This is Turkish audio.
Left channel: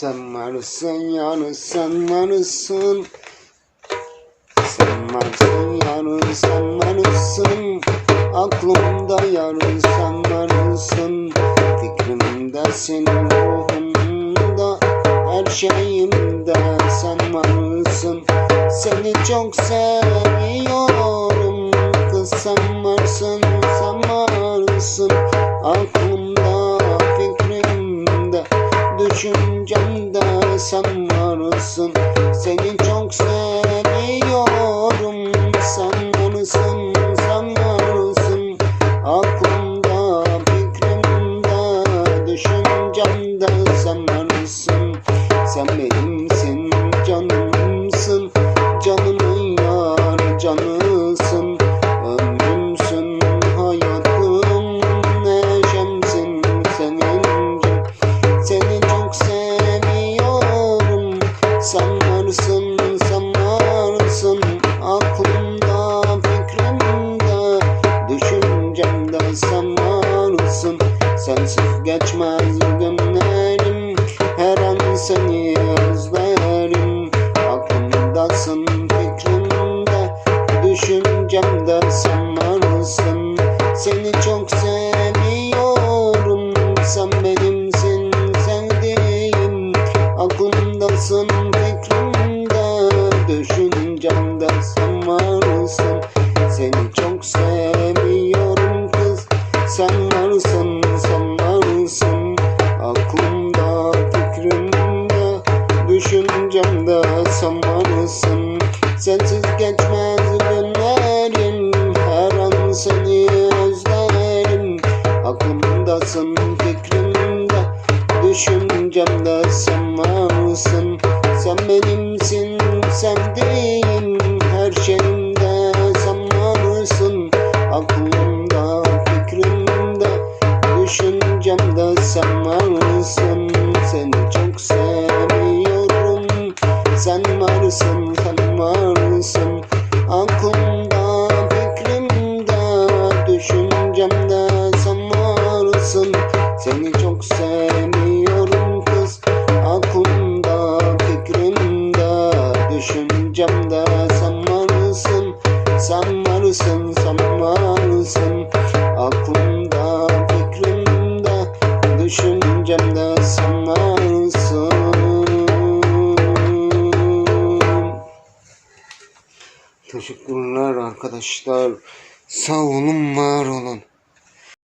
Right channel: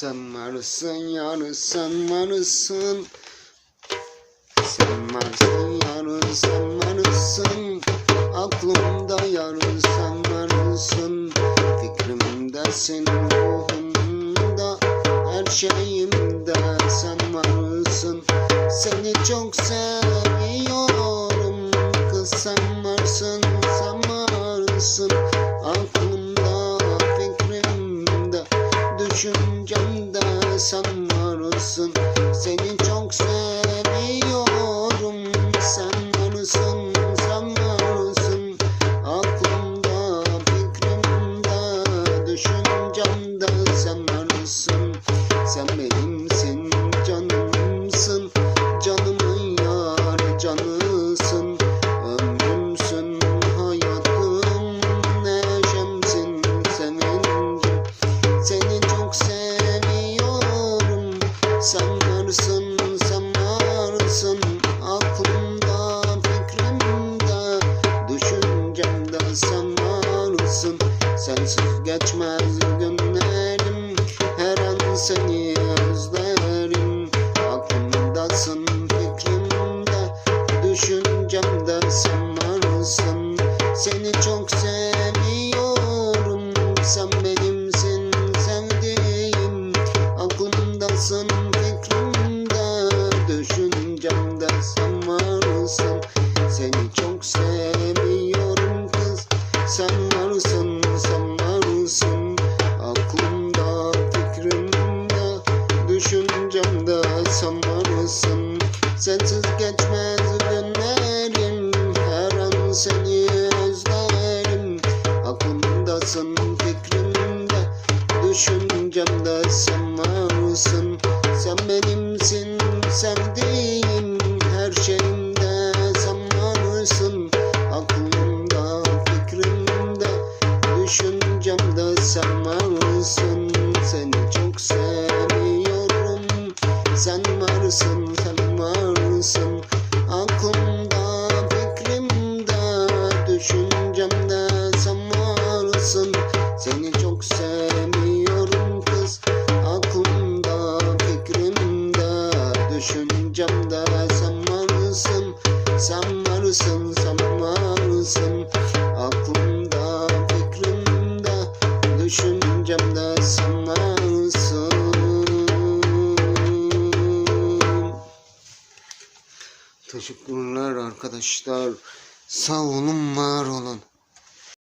Sen varsın yani sen varsın Sen varsın yani sen varsın Aklımda yarın sen varsın Fikrimdesin ruhumda Her şeyimde sen varsın Seni çok seviyorum Kız sen varsın sen varsın Aklımda fikrimde Düşüncemde sen varsın Sensiz geçmez günlerim Her an seni özlerim. Aklımdasın, fikrimde Düşüncemde sen varsın. Seni çok seviyorum Sen benimsin sevdiğim. Aklımdasın fikrimde Düşüncemde sen varsın. Seni çok seviyorum kız Sen Sensiz geçmez günlerim Her an seni özlerim. Aklımdasın fikrimde Düşüncemde sen varsın. Sen benimsin sevdiğim Her şeyimde sen varsın. Aklımda fikrimde Düşüncemde sen varsın. Seni çok seviyorum Sen varsın çok seviyorum kız Aklımda fikrimde Düşüncemde sen varsın Sen varsın sen varsın Aklımda Teşekkürler arkadaşlar. Sağ olun, var olun.